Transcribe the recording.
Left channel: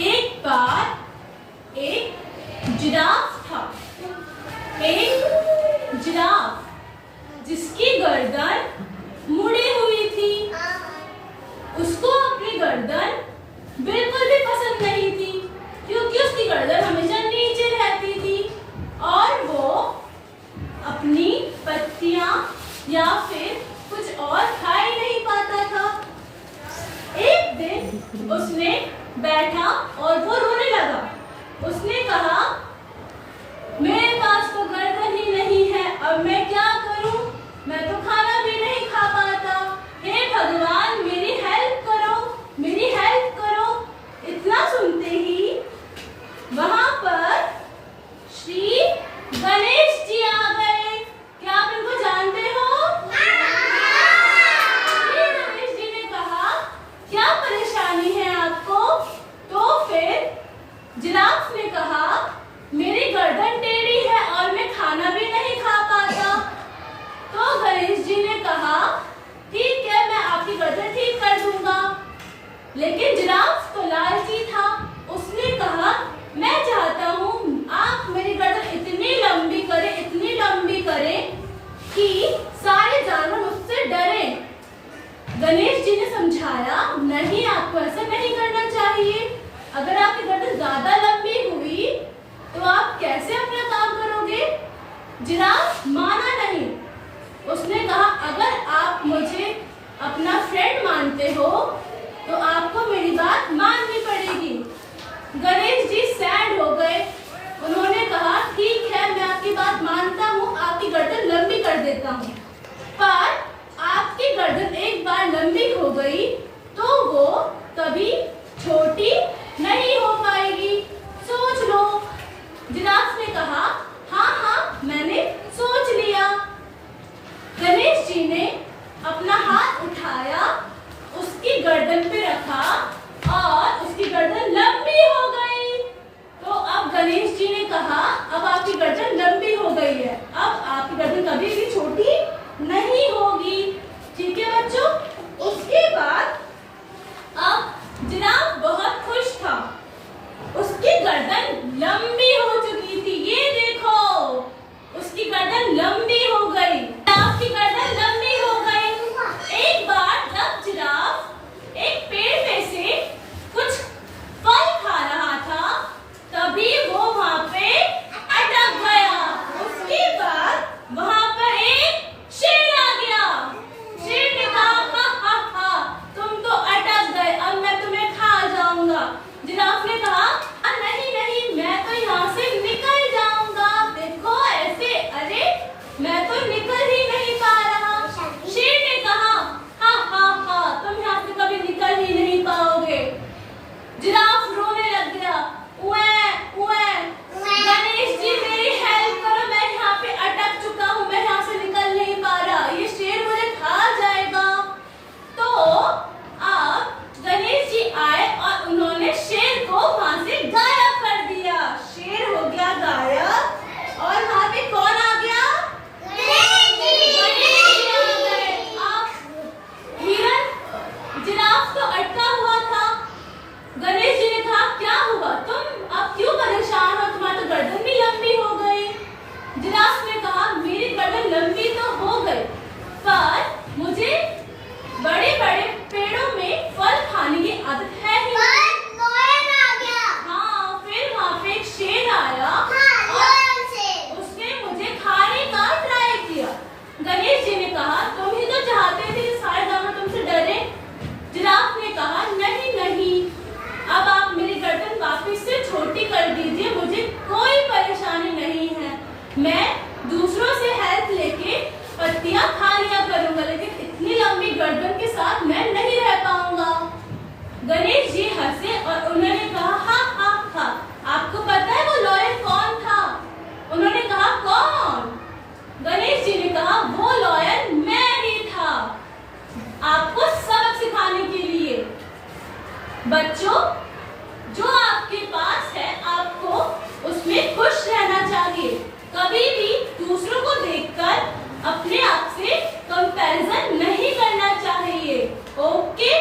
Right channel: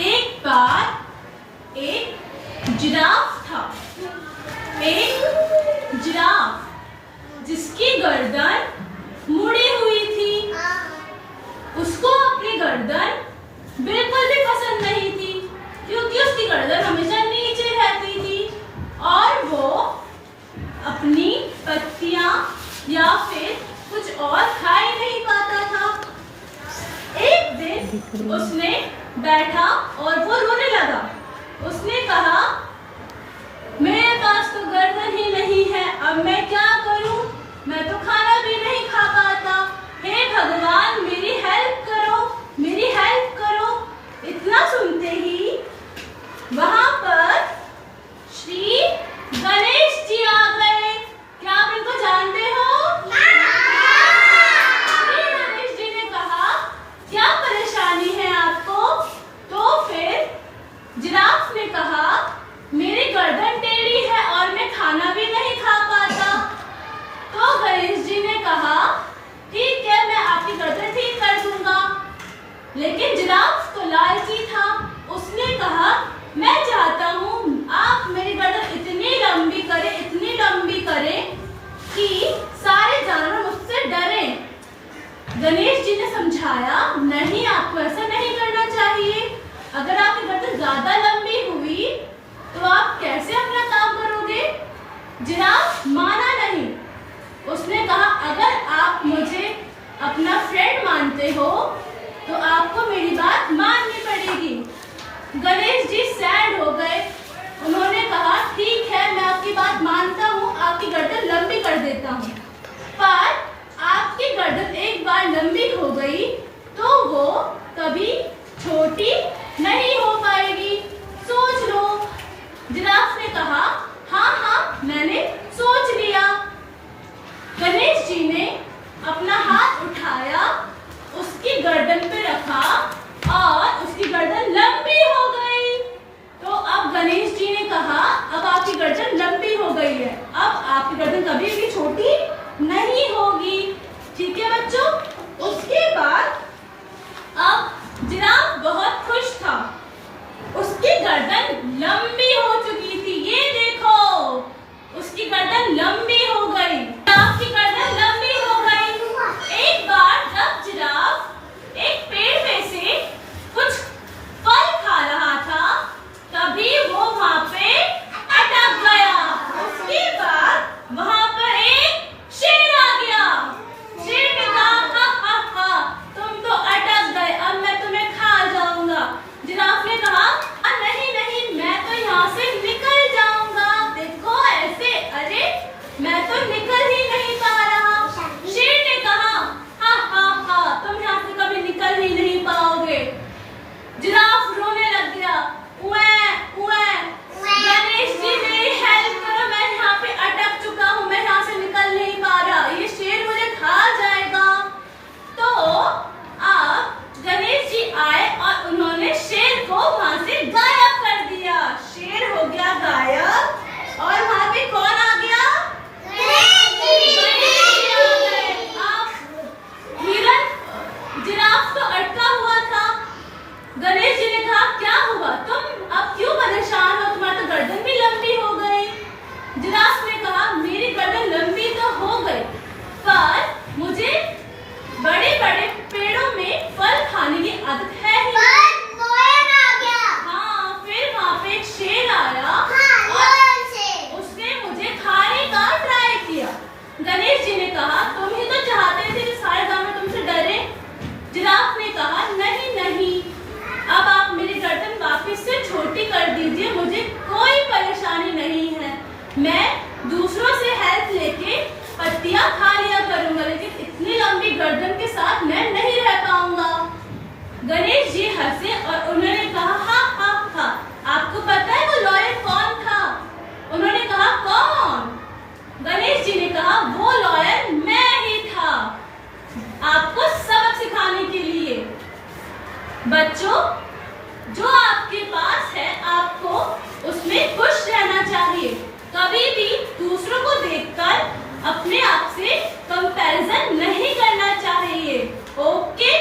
एक बार एक जिराफ था। एक जिराफ जिसकी गर्दन मुड़ी हुई थी। उसको अपनी गर्दन बिल्कुल भी पसंद नहीं थी, क्योंकि उसकी गर्दन हमेशा नीचे रहती थी और वो अपनी पत्तियां या फिर कुछ और खा ही नहीं पाता था। एक दिन उसने बैठा और वो रोने लगा। उसने कहा, मेरे पास तो गर्दन ही नहीं है, अब मैं क्या करूं? मैं तो खाना भी नहीं खा पाता। हे भगवान, मेरी हेल्प करो, मेरी हेल्प करो। इतना सुनते ही वहां पर श्री गणेश जी आ गए। क्या आप इनको जानते हो? श्री गणेश जी ने कहा, क्या परेशानी है आपको? तो फिर जिराफ ने कहा, मेरी गर्दन टेढ़ी है और मैं खाना भी नहीं खा पाता। तो गणेश जी ने कहा, ठीक है, मैं आपकी गर्दन ठीक कर दूंगा। लेकिन जिराफ तो लालची था। उसने कहा, मैं चाहता हूँ आप मेरी गर्दन इतनी लंबी करें, इतनी लंबी करें कि सारे जानवर मुझसे डरें। गणेश जी ने समझाया, नहीं, आपको ऐसा नहीं करना चाहिए। अगर आपकी गर्दन ज्यादा लंबी हुई तो आप कैसे अपना काम करोगे? जिराफ माना नहीं। उसने कहा, अगर आप मुझे अपना फ्रेंड मानते हो तो आपको मेरी बात माननी पड़ेगी। गणेश जी सैड हो गए। उन्होंने कहा, ठीक है, मैं आपकी बात मानता हूँ, आपकी गर्दन लंबी कर देता हूँ। पर आपकी गर्दन एक बार लंबी हो गई तो वो कभी छोटी नहीं हो पाएगी। सोच लो। जिराफ ने कहा, हाँ हाँ, मैंने सोच लिया। गणेश जी ने अपना हाथ उठाया, उसकी गर्दन पे रखा और उसकी गर्दन लंबी हो गई। तो अब गणेश जी ने कहा, अब आपकी गर्दन लंबी हो गई है, अब आपकी गर्दन कभी भी छोटी नहीं होगी। ठीक है बच्चों? उसके बाद अब जिराफ बहुत खुश था। उसकी गर्दन लंबी हो चुकी थी। ये देखो, उसकी गर्दन लंबी हो गई। जिराफ की गर्दन लंबी हो गई। एक बार जब जिराफ एक पेड़ में से कुछ फल खा रहा था, तभी वो वहां पे अटक गया। उसके बाद वहां पर एक शेर आ गया। शेर ने कहा, हा हा हा, तुम तो अटक गए, अब मैं तुम्हें खा जाऊंगा। जिराफ ने कहा, नहीं नहीं, मैं तो यहाँ से निकल जाऊंगा। देखो ऐसे, अरे मैं तो निकल ही नहीं पा रहा। शेर ने कहा, हा हा हा, तुम यहाँ से कभी निकल ही नहीं पाओगे। जिराफ रोने लग गया, उए उए, गणेश जी मेरी हेल्प करो, मैं यहाँ पे अटक चुका हूँ, मैं यहाँ से निकल नहीं पा रहा, ये शेर मुझे खा जाएगा। तो अब गणेश जी आए और उन्होंने शेर को वहां से गायब कर दिया। शेर हो गया गायब और वहां पे कौन आ गया? गणेश जी आ गए। अब हिरन, जिराफ तो अटका हुआ था। गणेश जी ने कहा, क्या हुआ? तुम अब क्यों परेशान हो? तुम्हारी तो गर्दन भी लंबी हो गई। जिराफ ने कहा, मेरी गर्दन लंबी तो हो गई, पर मुझे बड़े बड़े पेड़ों में फल खाने की आदत है ही। हाँ, फिर वहाँ पे एक शेर आया और उसने मुझे खाने का ट्राई किया। गणेश जी ने कहा, तुम ही तो चाहते थे कि सारे जानवर तुमसे डरे। जिराफ ने कहा, नहीं नहीं, अब आप मेरी गर्दन वापिस से छोटी कर दीजिए, मुझे कोई परेशानी नहीं है। मैं दूसरों से हेल्प लेके पत्तियां खा लिया करूंगा, लेकिन इतनी लंबी गर्दन के साथ मैं नहीं रह पाऊंगा। गणेश जी हंसे और उन्होंने कहा, हाँ हाँ हाँ, आपको पता है वो लॉयर कौन था? उन्होंने कहा, कौन? गणेश जी ने कहा, वो लॉयर मैं ही था, आपको सबक सिखाने के लिए। बच्चों, जो आपके पास है आपको उसमें खुश रहना चाहिए। कभी भी दूसरों को देखकर अपने आप से कंपैरिजन नहीं करना चाहिए। ओके?